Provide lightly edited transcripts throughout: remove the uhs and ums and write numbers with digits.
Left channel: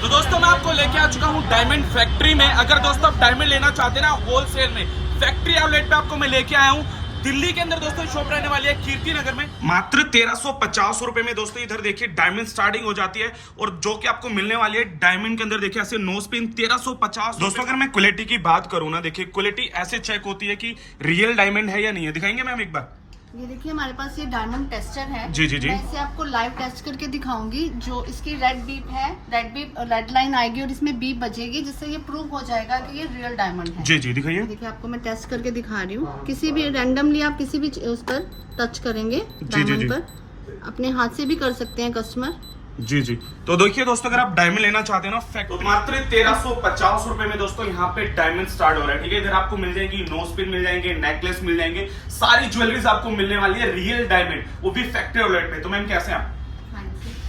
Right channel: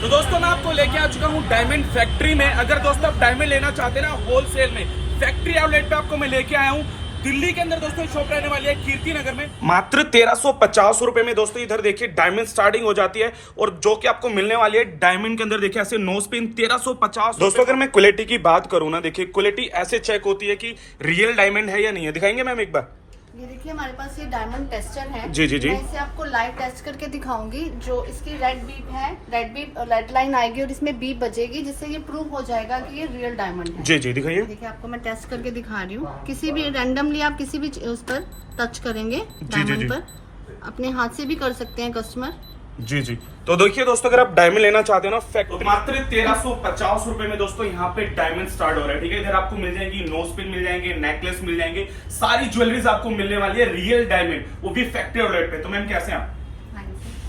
तो दोस्तों मैं आपको लेके आ चुका हूँ डायमंड फैक्ट्री में। अगर दोस्तों आप डायमंड लेना चाहते हैं ना होलसेल में, फैक्ट्री आउटलेट पे आपको मैं लेके आया हूँ। दिल्ली के अंदर दोस्तों शॉप रहने वाली है कीर्ति नगर में। मात्र 1350 रुपए में दोस्तों इधर देखिए डायमंड स्टार्टिंग हो जाती है, और जो कि आपको मिलने वाली है डायमंड के अंदर देखिए ऐसे नो स्पिन 1350। दोस्तों अगर मैं क्वालिटी की बात करूँ ना, देखिए क्वालिटी ऐसे चेक होती है कि रियल डायमंड है या नहीं है। दिखाएंगे मैम एक बार। ये देखिए हमारे पास ये डायमंड टेस्टर है। जी जी जी। मैं इसे आपको लाइव टेस्ट करके दिखाऊंगी। जो इसकी रेड बीप है, रेड लाइन आएगी और इसमें बीप बजेगी, जिससे ये प्रूव हो जाएगा कि ये रियल डायमंड है। जी जी दिखाइए। देखिए आपको मैं टेस्ट करके दिखा रही हूँ। किसी भी रैंडमली आप किसी भी उस पर टच करेंगे, जी जी जी, अपने हाथ से भी कर सकते हैं कस्टमर। जी जी। तो देखिए दोस्तों अगर आप डायमंड लेना चाहते हैं ना फैक्ट्री, मात्र 1350 रुपए में दोस्तों यहाँ पे डायमंड स्टार्ट हो रहा है। ठीक है, इधर आपको मिल जाएंगी नोज पिन, मिल जाएंगे नेकलेस, मिल जाएंगे सारी ज्वेलरीज आपको मिलने वाली है रियल डायमंड, वो भी फैक्ट्री आउटलेट पे। तो मैम कैसे हैं आप?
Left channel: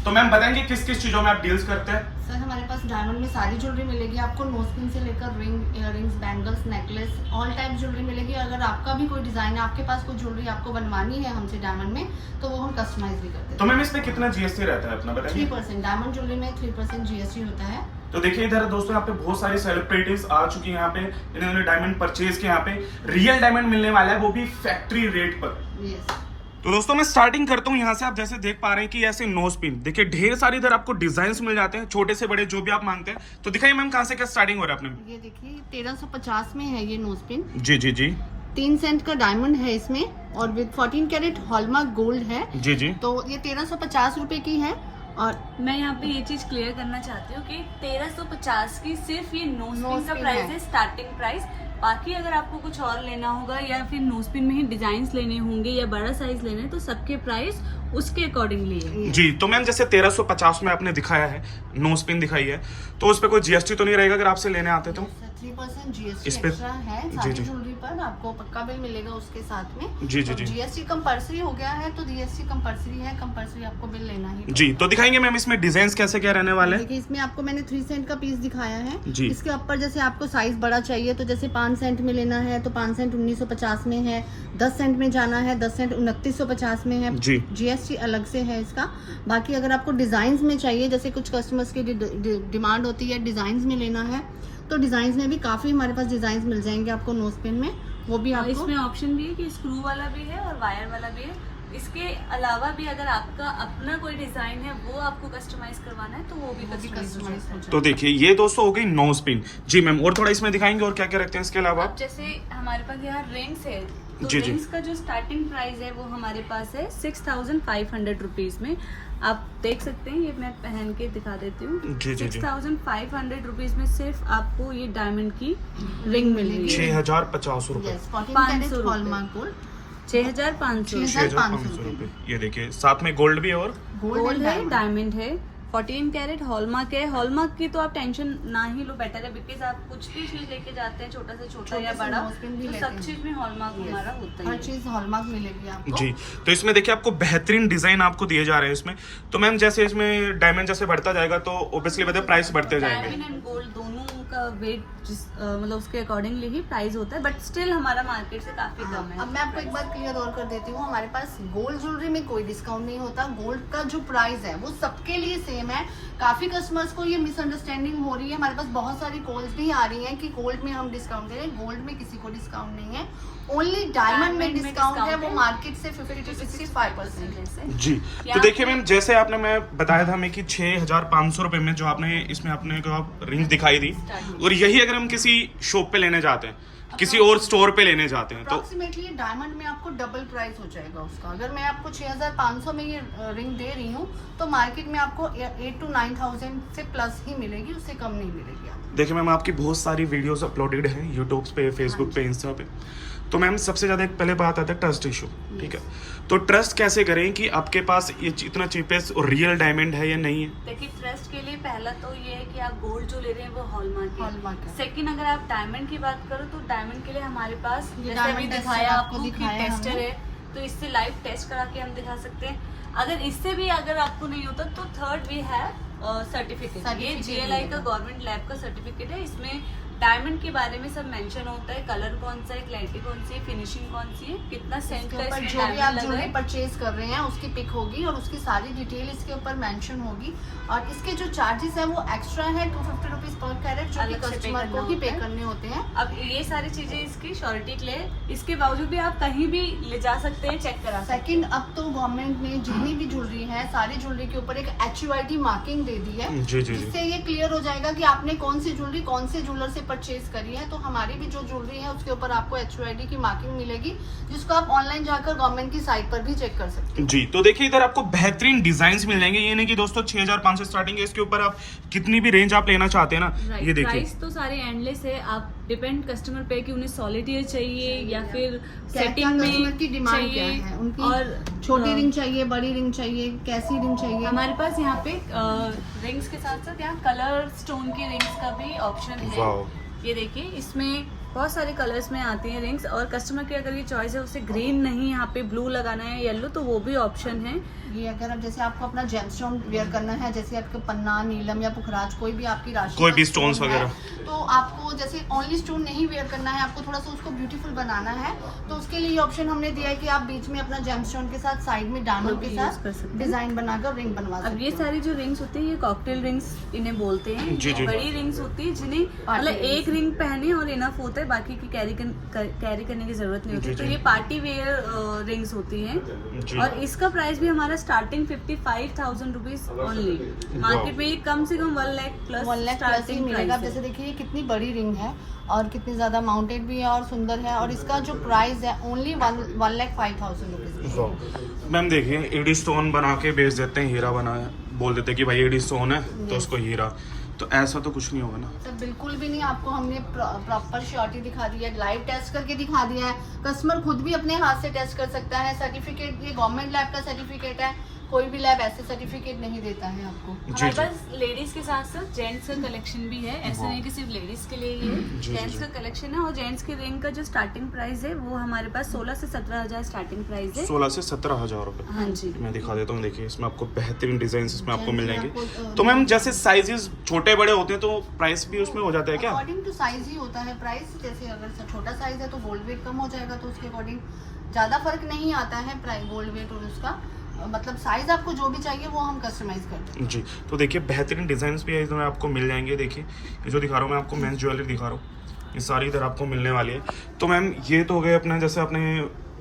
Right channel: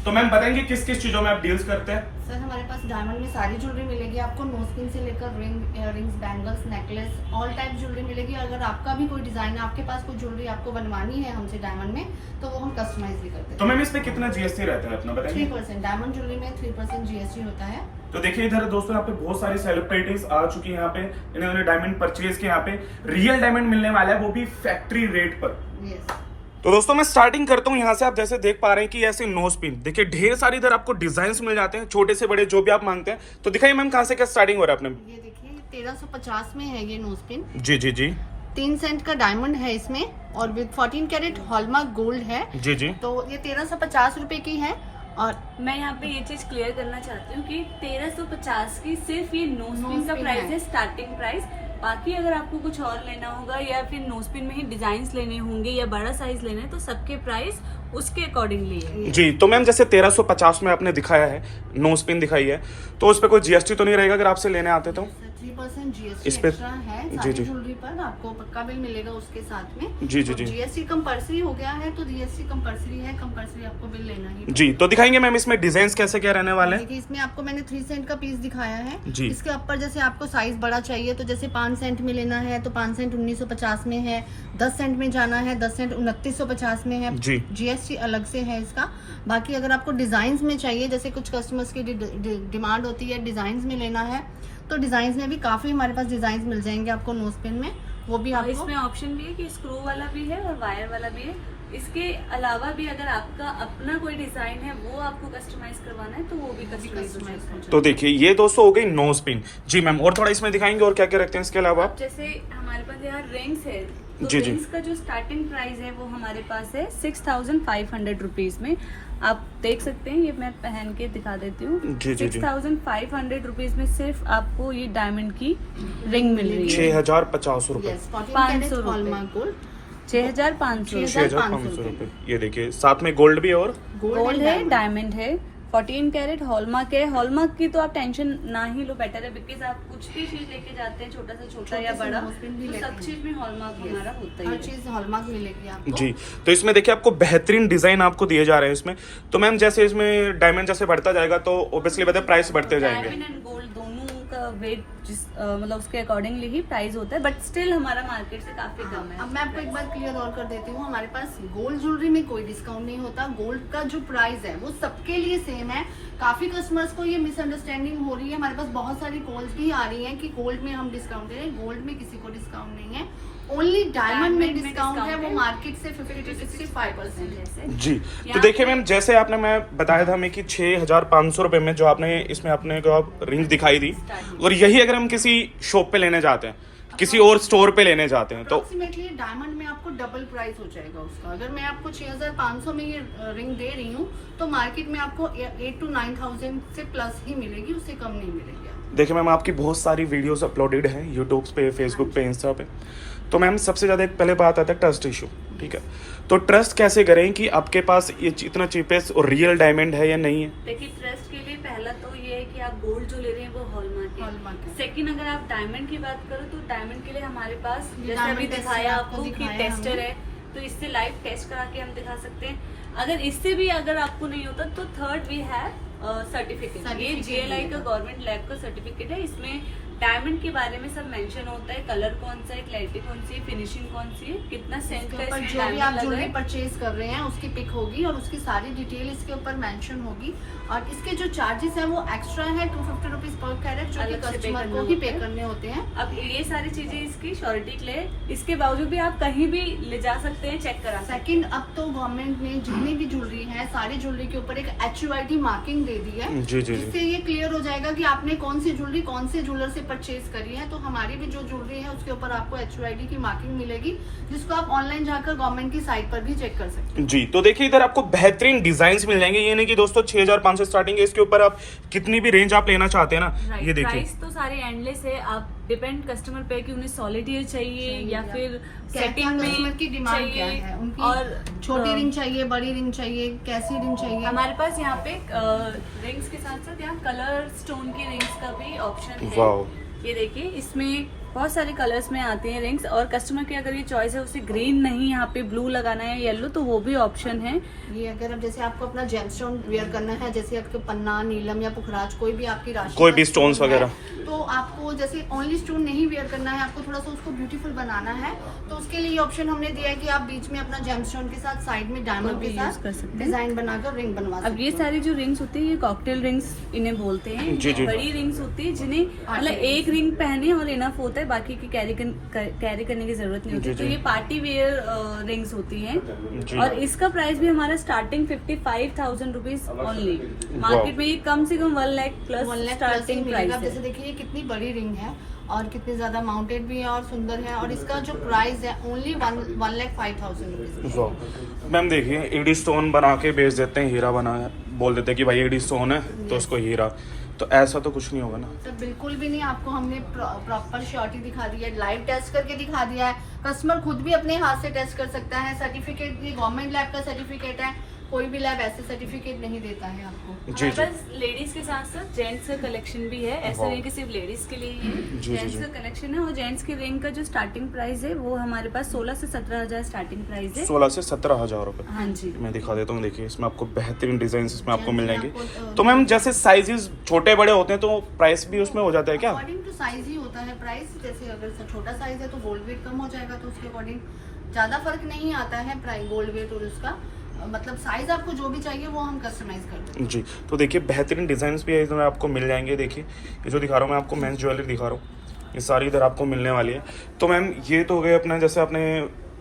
तो मैम बताएंगे किस किस चीजों में आप डील्स करते हैं? सर हमारे पास डायमंड में सारी ज्वेलरी मिलेगी आपको, नोज पिन से लेकर ring, earrings, bangles, necklace, all type jewellery मिलेगी। अगर आपका भी कोई डिजाइन है, आपके पास कोई ज्वेलरी आपको बनवानी है हमसे डायमंड में, तो वो हम कस्टमाइज भी करते हैं। तो मैम इसमें कितना जीएसटी रहता है अपना बताएंगे? 3%। डायमंड ज्वेलरी में 3% जीएसटी होता है। तो देखिए इधर दोस्तों यहाँ पे बहुत सारे सेलिब्रिटीज आ चुकी हैं यहाँ पे, इन्होंने डायमंड परचेज किया। यहाँ पे रियल डायमंड मिलने वाला है, वो भी फैक्ट्री रेट पर। यस। तो दोस्तों मैं स्टार्टिंग करता हूँ यहाँ से। आप जैसे देख पा रहे हैं कि ऐसे नोज पिन देखिए ढेर सारी इधर आपको डिजाइन मिल जाते हैं, छोटे से बड़े जो भी आप मांगते हैं। तो दिखाइए मैम कहाँ से क्या स्टार्टिंग हो रहा है अपने? ये देखिए 1350 में है ये नोज पिन। जी जी जी। 3 सेंट का डायमंड है इसमें, और विद 14 कैरेट हॉलमार्क गोल्ड है। जी जी। तो ये 1350 रुपए की है। और मैं यहाँ पे ये चीज क्लियर करना चाहती हूँ कि 1350 की सिर्फ ये नोज पिन का प्राइस है, स्टार्टिंग प्राइस। बाकी अगर आपको कुछ और लेना होगा या फिर नोज पिन में ही डिजाइन लेने होंगे या बड़ा साइज लेना है, तो सबके प्राइस उसके अकॉर्डिंगली है। जी तो मैम जैसे 1350 में आपने दिखाया है, नोज पिन दिखाई है, तो उस पर कोई जीएसटी तो नहीं रहेगा अगर आपसे लेने आते तो? 3% जीएसटी इस पे एक्स्ट्रा है। जी सारी जी ज्वेलरी पर आपको पक्का बिल मिलेगा उसके साथ में। जी जी जी। जीएसटी कंपल्सरी हो गया है, तो जीएसटी कंपल्सरी है, कंपल्सरी आपको बिल लेना ही। जी। तो दिखाएंगे मैम इसमें डिजाइन कैसे क्या रहने वाले हैं? देखिए इसमें आपको मैंने 3 सेंट का पीस दिखाया है जी। इसके ऊपर जैसे आपको साइज बड़ा चाहिए, तो जैसे 5 सेंट में लेना है तो 5 सेंट 1950 में है। 10 सेंट में जाना है, 10 सेंट 2950 में है। जी। जीएसटी अलग से है इसका। बाकी अगर आपको डिजाइन में चाहिए, जैसे कुछ कस्टमर्स की डिमांड होती है डिजाइन में लेना है, तो डिजाइन में भी काफी हमारे पास डिजाइन मिल जाएंगे आपको नोज पिन में। वो भी आपको इसमें ऑप्शन भी है कि स्क्रू वाला भी है और वायर वाला भी है। इसके अलावा भी अगर आपका अपना कोई डिजाइन है वो आपको कस्टमाइज करवाना है, तो वो भी कस्टमाइज हो जाएगा। तो देखिए ये दोस्तों हो गई नोज पिन। जी मैम, और थोड़ा इसमें दिखाएंगे और क्या क्या रखते हैं इसके अलावा? अब जैसे हमारे पास यहाँ रिंग्स है, तो जी जी। रिंग्स का जो स्टार्टिंग प्राइस है वो हमारे पास है 6500 रुपीज में। आप देख सकते हैं, ये मैं पहन के दिखा देती हूँ। जी जी जी। 6500 रुपीज में सिर्फ आपको ये डायमंड की रिंग मिलेगी। 6050 रुपए। 14 कैरेट हॉलमार्क गोल्ड 6500। 6500 रुपए। ये देखिए साथ में गोल्ड भी है और गोल्ड है, डायमंड है, 14 कैरेट हॉलमार्क है। हॉलमार्क की तो आप टेंशन ना ही लो, बेटर है, बिकॉज आप कुछ भी चीज लेके जाते हैं, छोटा से छोटा या बड़ा, तो सब चीज में हॉलमार्क हमारा होता ही हर है। चीज हॉलमार्क मिलेगी आपको। जी। तो इसमें देखिए आपको बेहतरीन डिजाइन आपको दिए जा रहे हैं इसमें। तो मैम जैसे इसमें डायमंड जैसे बढ़ता जाएगा तो ऑब्वियसली बताए प्राइस बढ़ते जाएंगे। डायमंड एंड गोल्ड दोनों का वेट मतलब उसके अकॉर्डिंगली ही प्राइस होता है, बट स्टिल हमारा मार्केट से काफी कम है। अब मैं आपको एक बार क्लियर और कर देती हूँ, हमारे पास गोल्ड ज्वेलरी में कोई डिस्काउंट नहीं होता। गोल्ड का जो प्राइस है वो सबके लिए सेम है। काफी कस्टमर्स को ये मिसअंडरस्टैंडिंग हो रही है। हमारे पास बहुत सारी कॉल्स भी आ रही हैं कि गोल्ड में हम डिस्काउंट दे रहे हैं। गोल्ड में किसी को डिस्काउंट नहीं है, ओनली डायमंड में डिस्काउंट है। वो मार्केट से 50 to 65% है। जी। तो देखिए मैम जैसे आपने मैं बताया था हमें कि 6500 रुपए में जो आपने इसमें आपने को आप रिंग दिखाई दी, और यही अगर हम किसी शॉप पे लेने जाते हैं, किसी और स्टोर पे लेने जाते हैं, तो अप्रोक्सीमेटली डायमंड में आपको डबल प्राइस हो जाएगा उसका। अगर मैं आपको 6500 में ये रिंग दे रही हूँ, तो मार्केट में आपको 8 to 9000 से प्लस ही मिलेगी, उससे कम नहीं मिलेगी आपको। देखिए मैम आपकी बहुत सारी वीडियोस अपलोडेड हैं यूट्यूब पे, फेसबुक पे, इंस्टा पे। तो मैम सबसे ज़्यादा एक पहले बात आता है ट्रस्ट इशू। ठीक है, तो ट्रस्ट कैसे करें कि आपके पास ये इतना चीपेस्ट और रियल डायमंड है या नहीं है? देखिए ट्रस्ट के लिए पहला तो ये है कि आप गोल्ड जो ले रहे हैं वो हॉलमार्क है। सेकंड, अगर आप डायमंड की बात करो तो डायमंड के लिए हमारे पास जैसे अभी दिखाया आपको कि टेस्टर है, तो इससे लाइव टेस्ट करा के हम दिखा सकते हैं। अगर इससे भी अगर आपको नहीं होता तो थर्ड वी है सर्टिफिकेट। ये GLI का गवर्नमेंट लैब का सर्टिफिकेट है। इसमें डायमंड के बारे में सब मेंशन होता है, कलर कौन सा है, क्लैरिटी कौन सी है, फिनिशिंग कौन सी है, कितना सेंट का पर इसमें जो भी आप डायमंड लगा ज्वेलरी है। परचेज कर रहे हैं उसकी पिक होगी और उसकी सारी डिटेल इसके ऊपर मेंशन होगी। और इसके जो चार्जेस हैं वो एक्स्ट्रा है 250 रुपीज पर कैरेट, जो कि अलग से पे कस्टमर करना को ही होता पे है। करने होते हैं। अब ये सारी चीजें इसकी श्योरिटी के लिए, इसके बावजूद भी आप कहीं भी ले जा सकते हैं, चेक करा सकते सेकंड, अब तो गवर्नमेंट ने जितनी भी ज्वेलरी है सारी ज्वेलरी के ऊपर एक HUID मार्किंग दे दी है, जी, जी, जी। जिससे ये क्लियर हो जाएगा कि आपने कौन सी ज्वेलरी कौन से ज्वेलर से परचेज करी है। तो हमारी भी जो ज्वेलरी है उसके ऊपर आपको HUID की मार्किंग मिलेगी, जिसको आप ऑनलाइन जाकर गवर्नमेंट की साइट पर भी चेक कर सकते हैं। जी, तो देखिए इधर आपको बेहतरीन डिजाइन मिल जाएंगे। ये नहीं कि दोस्तों 6500 स्टार्टिंग है, इसके ऊपर आप कितनी भी रेंज आप लेना चाहते हैं ना, हैं। ये देखिए। प्राइस तो सारे एंडलेस है, आप डिपेंड कस्टमर पे कि उन्हें सॉलिड चाहिए या फिर क्या सेटिंग कस्टमर में की डिमांड क्या चाहिए। है, उनकी और छोटी रिंग चाहिए, बड़ी रिंग चाहिए, कैसी रिंग चाहिए। हमारे पास यहाँ पे रिंग्स के साथ साथ यहाँ कलर स्टोन की रिंग्स का भी ऑप्शन वाओ। है। ये देखिए, इसमें बहुत सारे कलर्स में आते हैं रिंग्स, और कस्टमर की अगर ये चॉइस है उसे ग्रीन नहीं यहाँ पे ब्लू लगाना है, येलो, तो वो भी ऑप्शन है। ये अगर अब जैसे आपको अपना जेमस्टोन वेयर करना है, जैसे आपके पन्ना, नीलम या पुखराज, कोई भी आपकी राशि कोई का भी stone stones है, वगैरह। तो आपको जैसे ओनली स्टोन नहीं वेयर करना है, आपको थोड़ा सा उसको ब्यूटीफुल बनाना है, तो उसके लिए ऑप्शन हमने दिया है कि आप बीच में अपना जेमस्टोन के साथ साइड में डायमंड के use साथ कर सकते हैं। डिजाइन बनाकर रिंग बनवा अब सकते ये हैं। सारी जो रिंग्स होती है ये कॉकटेल रिंग्स इन्हें बोलते हैं। जी, जी। बड़ी रिंग्स होती है जिन्हें मतलब एक रिंग पहने और इनफ होता है, बाकी की कैरी करने की जरूरत नहीं होती। जी, तो जी। ये पार्टी वेयर रिंग्स होती हैं, जी। और इसका प्राइस भी हमारा स्टार्टिंग 55,000 रुपीज ओनली। मार्केट में ये कम से कम 1 लाख प्लस 1 लाख प्लस ही स्टार्टिंग मिलेगा। प्राइस जैसे है। देखिए ये कितनी बड़ी रिंग है और कितनी ज्यादा माउंटेड भी है और सुंदर है, और इसका जो प्राइस है ओनली 1,05,000 रुपीज। वाह। मैम देखिए, एडी स्टोन बना के बेच देते हैं, हीरा बना बोल देते हैं कि भाई एडी स्टोन है तो उसको हीरा, तो ऐसा तो कुछ नहीं होगा ना। सर बिल्कुल भी नहीं, आपको हमने प्रॉपर श्योरिटी दिखा दी है, लाइव टेस्ट करके दिखा दिया है। कस्टमर खुद भी अपने हाथ से टेस्ट कर सकता है। सर्टिफिकेट ये गवर्नमेंट लैब का सर्टिफिकेट है, कोई भी लैब ऐसे सर्टिफिकेट नहीं देता है आपको। जी, हमारे जी। पास लेडीज के साथ साथ जेंट्स का कलेक्शन भी है, ऐसा वाह। नहीं कि सिर्फ लेडीज के लिए ही है। जी, जेंट्स जी। का कलेक्शन है, और जेंट्स की रिंग का जो स्टार्टिंग प्राइस है वो हमारे पास 16 से 17,000 स्टार्टिंग प्राइस है। 16 से 17,000 रुपए। हाँ जी। मैं दिखा देता हूँ, देखिए इसमें आपको बेहतरीन डिजाइन इसमें आपको मिल जाएंगे। आपको, तो मैम जैसे साइजेस छोटे बड़े होते हैं तो प्राइस भी उसमें हो जाता है क्या? अकॉर्डिंग टू साइज ही होता है प्राइस। जैसे अगर छोटा साइज है तो गोल्ड वेट कम हो जाएगा, तो उसके अकॉर्डिंग ज्यादा फर्क नहीं आता है प्राइस गोल्ड वेट और उसका, मतलब साइज आपको जो भी चाहिए वो हम कस्टमाइज करते हैं। जी, तो देखिए बेहतरीन डिजाइन भी है इसमें आपको मिल जाएंगे। देखिए ये जो दिखा रहा हूँ मैं आपको मेंस ज्वेलरी दिखा रहा हूँ, ये सारी इधर आपको मिलने वाली है। तो मैम ये तो हो गए अपना, जैसे आपने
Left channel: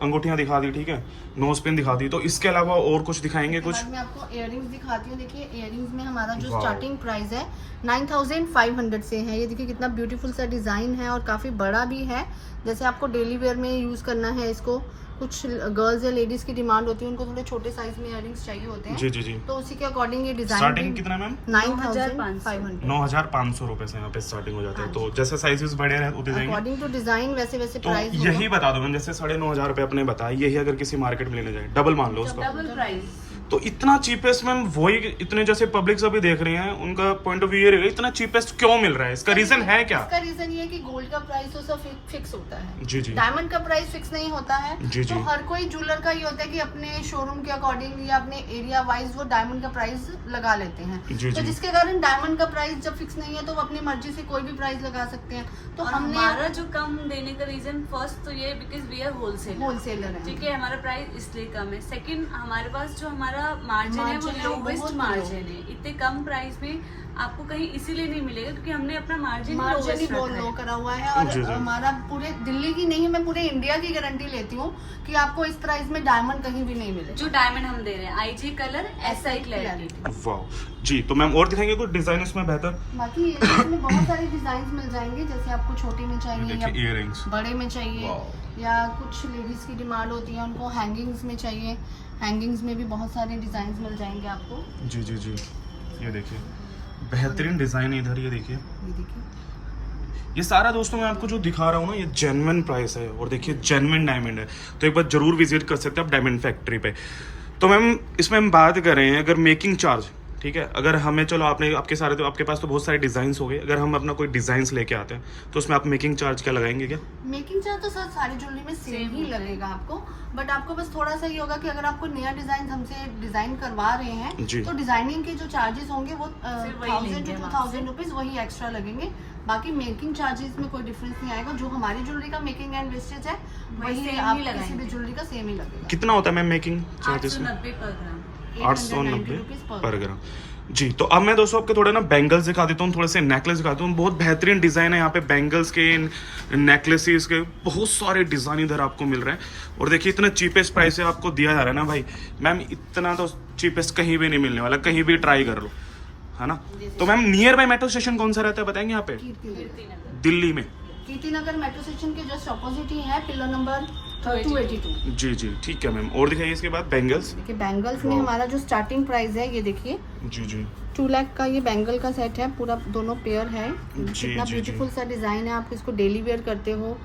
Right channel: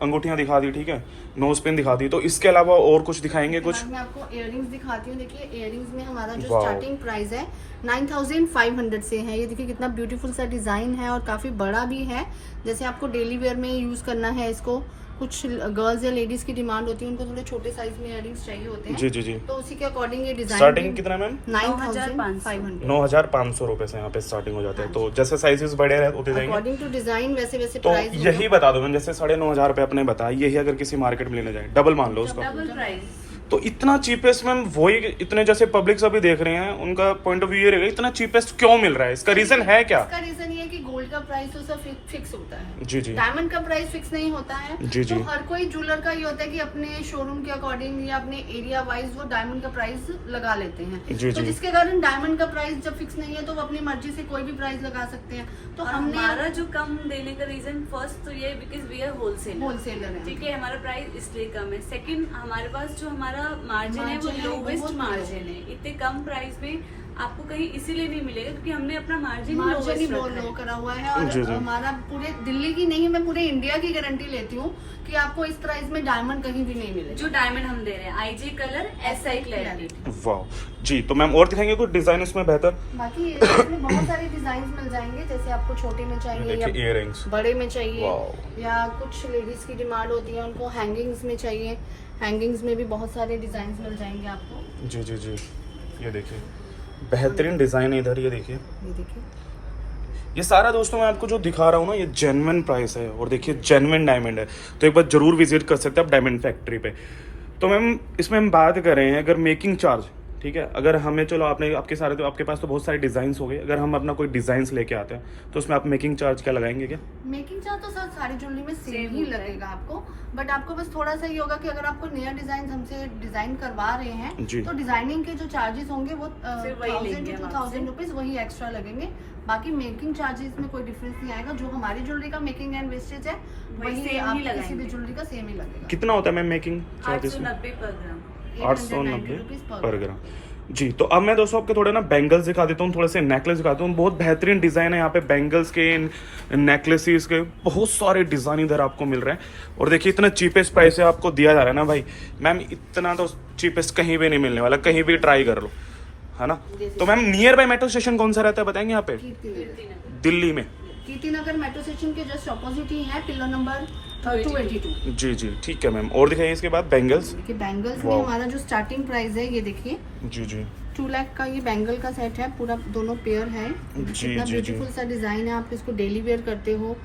अंगूठियाँ दिखा दी, ठीक है, नोज पिन दिखा दी, तो इसके अलावा और कुछ दिखाएंगे कुछ? मैं आपको इयररिंग्स दिखाती हूँ। देखिए इयररिंग्स में हमारा जो वाओ। स्टार्टिंग प्राइस है 9,500 से है। ये देखिए कितना ब्यूटीफुल सा डिजाइन है और काफी बड़ा भी है। जैसे आपको डेली वेयर में यूज करना है इसको, कुछ गर्ल्स या लेडीज की डिमांड होती है, उनको थोड़े छोटे साइज में इयररिंग्स चाहिए होते हैं। जी, जी, जी। तो उसी के अकॉर्डिंग ये डिजाइन स्टार्टिंग कितना मैम? 9,500 9,500 रुपए से यहाँ पे स्टार्टिंग हो जाता है। तो जैसे साइजेस बड़े होते जाएंगे अकॉर्डिंग टू डिजाइन वैसे वैसे तो प्राइस यही बता दो मैम, जैसे 9,500 रुपए आपने बताया, यही अगर किसी मार्केट में लेने जाए डबल मान लो उसका, डबल प्राइस। तो इतना चीपेस्ट मैम वही इतने जैसे पब्लिक अभी देख रहे हैं उनका पॉइंट ऑफ व्यू ये रहेगा, इतना चीपेस्ट क्यों मिल रहा है? इसका रीजन है क्या? इसका रीजन ये है कि गोल्ड का प्राइस तो सब फिक्स होता है। जी, जी। डायमंड का प्राइस फिक्स नहीं होता है। जी, जी। तो हर कोई ज्वेलर का ये होता है कि अपने शोरूम के अकॉर्डिंग या अपने एरिया वाइज वो डायमंड का प्राइस लगा लेते हैं। जी, तो जी। जिसके कारण डायमंड का प्राइस जब फिक्स नहीं है तो वो अपनी मर्जी से कोई भी प्राइस लगा सकते हैं। तो और हमने हमारा जो कम देने का रीजन फर्स्ट तो ये because we are wholesaler. Wholesaler है। ठीक है, हमारा प्राइस इसलिए कम है। सेकंड, हमारे पास जो हमारा मार्जिन है वो Margin है, लोवेस्ट बहुत मार्जिन है। इतने कम प्राइस में आपको कहीं इसीलिए नहीं मिलेगा क्योंकि हमने अपना मार्जिन मार्जिन ही बहुत लो करा हुआ है। और जी, जी। हमारा पूरे दिल्ली की नहीं, मैं पूरे इंडिया की गारंटी लेती हूँ कि आपको इस प्राइस में डायमंड कहीं भी नहीं मिलेगा। जो डायमंड हम दे रहे हैं IG कलर SI क्लैरिटी। वाह जी। तो मैम और दिखाएंगे कुछ डिजाइन इसमें बेहतर? बाकी इसमें बहुत सारे डिजाइन मिल जाएंगे, जैसे आपको छोटे में चाहिए या देखिए इयररिंग्स, बड़े में चाहिए, वाओ। या कुछ लेडीज की डिमांड होती है उनको हैंगिंग्स में चाहिए। हैंगिंग्स में भी बहुत सारे डिजाइन मिल जाएंगे आपको। जी, जी, जी। ये देखिए बेहतरीन डिजाइन है इधर, ये देखिए ये देखिए ये सारा दोस्तों मैं आपको जो दिखा रहा हूँ ना ये जेन्युइन प्राइस है, और देखिए जेन्युइन डायमंड है। तो एक बार जरूर विजिट कर सकते हैं आप डायमंड फैक्ट्री पे। तो मैम इसमें हम बात कर रहे हैं अगर मेकिंग चार्ज, ठीक है। अगर हमें चलो आपने आपके सारे तो आपके पास तो बहुत सारे डिजाइन्स हो गए, अगर हम अपना कोई डिजाइन्स लेके आते हैं तो उसमें आप मेकिंग चार्ज क्या लगाएंगे क्या? मेकिंग चार्ज तो सर सारी ज्वेलरी में सेम ही लगेगा आपको, बट आपको बस थोड़ा सा ये होगा कि अगर आपको नया डिजाइन हमसे डिजाइन करवा रहे हैं जी। तो डिजाइनिंग के जो चार्जेस होंगे वो सिर्फ वही 1000 लेंगे to हम 2000 रुपीज वही एक्स्ट्रा लगेंगे। बाकी मेकिंग चार्जेस में कोई डिफरेंस नहीं आएगा, जो हमारी ज्वेलरी का मेकिंग एंड वेस्टेज है वही वही same आप ही किसी भी लगाएंगे। ज्वेलरी का सेम ही लगेगा। कितना होता है मैम मेकिंग चार्जेस में? 890 पर ग्राम। 890 पर ग्राम। जी, तो अब मैं दोस्तों आपको थोड़ा ना बैंगल्स दिखा देता हूँ, थोड़े से नेकलेस दिखाता हूँ। बहुत बेहतरीन डिज़ाइन है यहाँ पे बैंगल्स के, नेकलेसेस के, बहुत सारे डिज़ाइन इधर आपको मिल रहे हैं। और देखिए इतना चीपेस्ट प्राइस से आपको दिया जा रहा है ना भाई मैम, इतना तो चीपेस्ट कहीं भी नहीं मिलने वाला, कहीं भी ट्राई कर लो, है ना। तो ma'am near by metro station कौन सा रहता है बताएंगे यहाँ पे दिल्ली में? कीर्ति नगर मेट्रो स्टेशन के जस्ट ऑपोजिट ही है, पिलर नंबर 282। जी जी ठीक है मैम। और दिखाइए इसके बाद बैंगल्स। देखिए बैंगल्स में हमारा जो स्टार्टिंग प्राइस है ये देखिए जी जी 2 लाख का ये बैंगल का सेट है, पूरा दोनों पेयर है। जी, इतना जी, जी। ब्यूटीफुल सा डिजाइन है, आप इसको डेली वेयर करते हो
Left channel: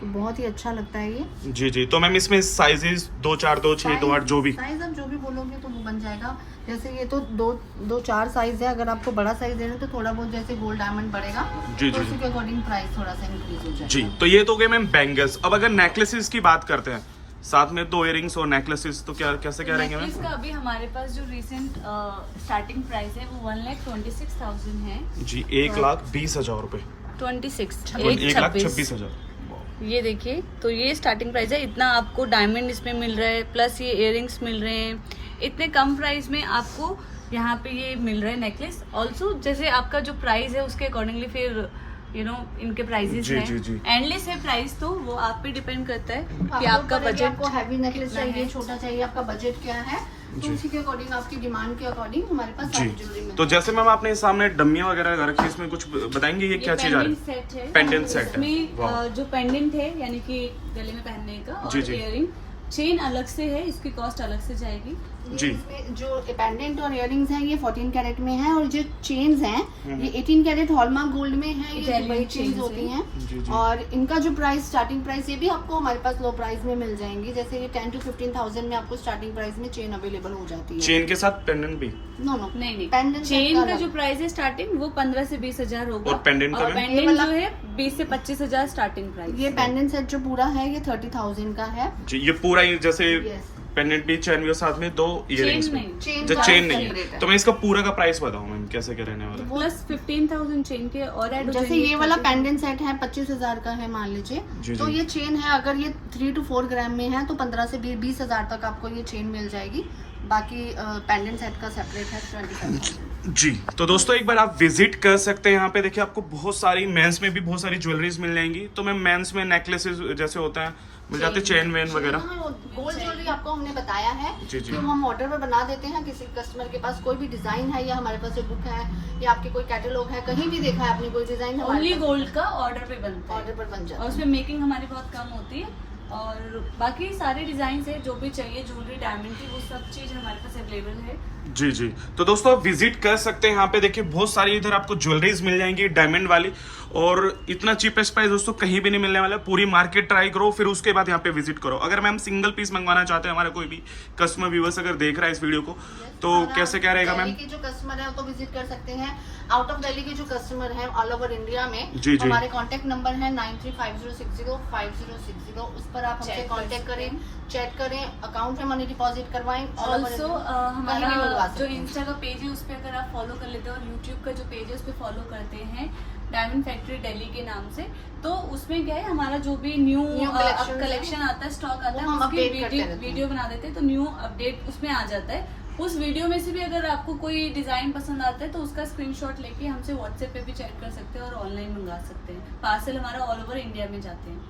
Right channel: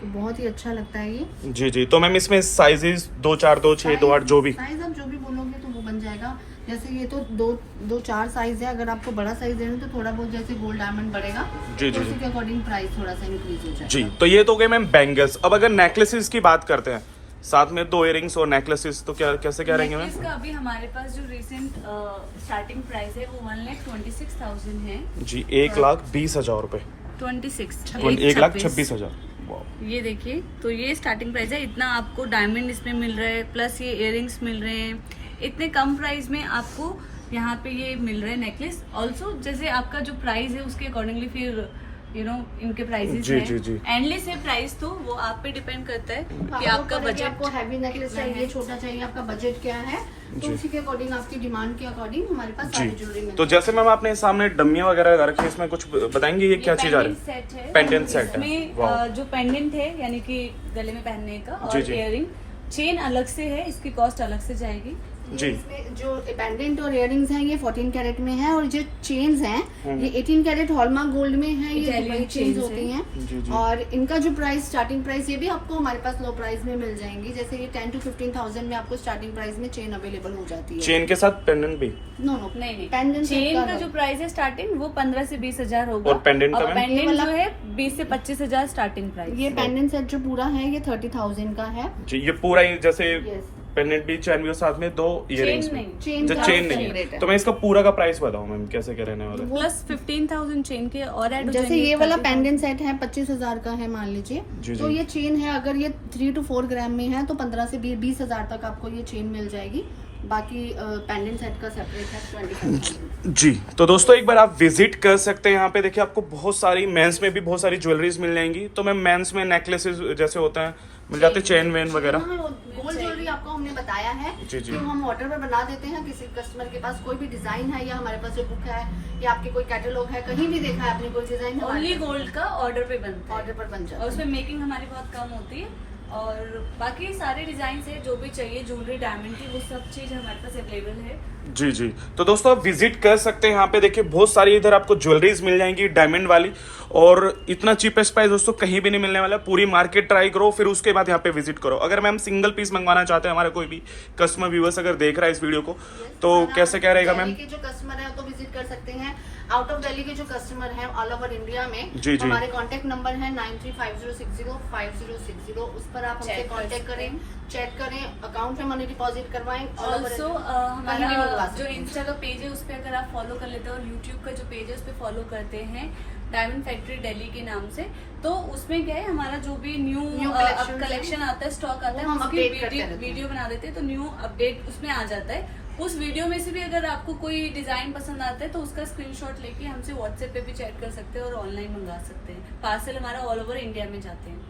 तो बहुत ही अच्छा लगता है ये। जी जी। तो मैम इसमें साइजेस 2 4 2 6 2 8 जो भी साइज आप जो भी बोलोगे तो वो बन जाएगा। जैसे ये तो 2 4 साइज है, अगर आपको बड़ा साइज लेना है तो थोड़ा बहुत जैसे गोल्ड डायमंड बढ़ेगा जी, तो जी, उसी के अकॉर्डिंग प्राइस थोड़ा सा इंक्रीज हो जाएगा। जी। तो ये तो गए मैम बैंगल्स। अब अगर नेकलेसेस की बात करते हैं, साथ में 2 इयरिंग्स और नेकलेसेस, तो क्या कैसे क्या रहेंगे मैम? नेकलेस का अभी हमारे पास जो रिसेंट स्टार्टिंग प्राइस है वो 1,26,000 है जी 1,20,000 रुपए। 26 1,26,000। ये देखिए, तो ये स्टार्टिंग प्राइस है। इतना आपको डायमंड इसमें मिल रहा है, प्लस ये इयररिंग्स मिल रहे हैं। इतने कम प्राइस में आपको यहाँ पे ये मिल रहा है नेकलेस। ऑल्सो जैसे आपका जो प्राइस है उसके अकॉर्डिंगली फिर इनके प्राइसेस जी, हैं। जी, जी। एंडलेस है प्राइस, तो वो आप पे डिपेंड करता है कि हाँ, आपका वो करेंगे, बजट आपको हैवी नेकलेस कितना चाहिए, है। छोटा चाहिए, आपका बजट क्या है, तो जी। उसी के अकॉर्डिंग आपकी डिमांड के अकॉर्डिंग हमारे पास सारी ज्वेलरी जी। मिल तो जैसे मैम आपने सामने डमियां वगैरह लगा रखी है, इसमें कुछ बताएंगे ये क्या चीज आ रही है? सेट है, पेंडेंट सेट है। इसमें वाह। जो पेंडेंट है यानी कि गले में पहनने का, जी, और जी। इयररिंग चेन अलग से है, इसकी कॉस्ट अलग से जाएगी। जी। इसमें जो पेंडेंट और इयररिंग्स हैं ये 14 कैरेट में है, और जो चेन्स हैं ये 18 कैरेट हॉलमार्क गोल्ड में है। ये Italian दुबई चेन्स chains होती हैं। जी, जी। हैं, और इनका जो प्राइस स्टार्टिंग प्राइस ये भी आपको हमारे पास लो प्राइस में मिल जाएंगी। जैसे ये 10 to 15,000 में आपको स्टार्टिंग प्राइस में चेन अवेलेबल हो जाती है। चेन के साथ पेंडेंट भी? नो नो नहीं पेंडेंट चेन का जो प्राइस है स्टार्टिंग वो 15 से 20,000 होगा। और pendant का मैम? पेंडेंट ये वाला- जो है 20 से 25,000 स्टार्टिंग प्राइस। ये पेंडेंट सेट जो पूरा है ये 30,000 का है। जी। ये पूरा ही जैसे Yes. पेंडेंट भी, चैन भी और साथ में 2 इयरिंग्स भी। नहीं, चेन जो का चेन नहीं separate है है। तो मैं इसका पूरा का प्राइस बताऊं मैम कैसे क्या रहने वाला है? प्लस 15,000 चेन के और ऐड हो जैसे जाएंगे ये वाला 30,000। पेंडेंट सेट है 25,000 का है मान लीजिए, जी, तो जी। ये चेन है अगर ये 3 to 4 ग्राम में है तो 15 से 20,000 तक आपको ये चेन मिल जाएगी। बाकी पेंडेंट सेट का सेपरेट है 25,000। जी। तो दोस्तों एक बार आप विजिट कर सकते हैं यहाँ पे। देखिए आपको बहुत सारी मेंस में भी बहुत सारी ज्वेलरीज मिल जाएंगी। तो मैम मेंस में नेकलेसेस जैसे होता है मिल जाते हैं, चेन वेन वगैरह? गोल्ड ज्वेलरी आपको हमने बताया है जी, जी। कि हम ऑर्डर पर बना देते हैं। किसी कस्टमर के पास कोई भी डिजाइन है या हमारे पास जो बुक है या आपके कोई कैटलॉग है, कहीं भी देखा है आपने कोई डिजाइन, ओनली गोल्ड का ऑर्डर पे बनता ऑर्डर है, पर बन जाता और है। उसमें मेकिंग हमारी बहुत कम होती है। और बाकी सारे डिजाइन है जो भी चाहिए ज्वेलरी डायमंड की, वो सब चीज हमारे पास अवेलेबल है। जी जी। तो दोस्तों आप विजिट कर सकते हैं यहाँ पे। देखिए बहुत सारी इधर आपको ज्वेलरीज मिल जाएंगी डायमंड वाली, और इतना चीपेस्ट प्राइस दोस्तों कहीं भी नहीं मिलने वाला। पूरी मार्केट ट्राई करो, फिर उसके बाद यहाँ पे विजिट करो। अगर मैम सिंगल पीस मंगवाना चाहते हैं, हमारा कोई भी कस्टमर व्यूअर्स अगर देख रहा है इस वीडियो को, तो कैसे क्या रहेगा मैम? दिल्ली के जो कस्टमर है तो विजिट कर सकते हैं। आउट ऑफ दिल्ली के जो कस्टमर हैं ऑल ओवर इंडिया में, जी, जी। हमारे कांटेक्ट नंबर है 9350605060। उस पर आप हमसे Chat कर कांटेक्ट सकते करें, चैट करें, अकाउंट में मनी डिपॉजिट करवाएं। all over also India। कहीं भी मंगवा हमारा सकते जो हैं। इंस्टा का पेज है उस पर अगर आप फॉलो कर लेते हैं, और यूट्यूब का जो पेज है उस पर फॉलो करते हैं डायमंड फैक्ट्री दिल्ली के नाम से, तो उसमें क्या है हमारा जो भी न्यू collection कलेक्शन आता है, स्टॉक आता है, वो हम उसकी update करते रहते हैं। वीडियो बना देते हैं, तो न्यू अपडेट उसमें आ जाता है। उस वीडियो में से भी अगर आपको कोई डिजाइन पसंद आता है तो उसका स्क्रीनशॉट लेके हमसे व्हाट्सएप पे भी चैट कर सकते हैं और ऑनलाइन मंगा सकते हैं। पार्सल हमारा ऑल ओवर इंडिया में जाते हैं।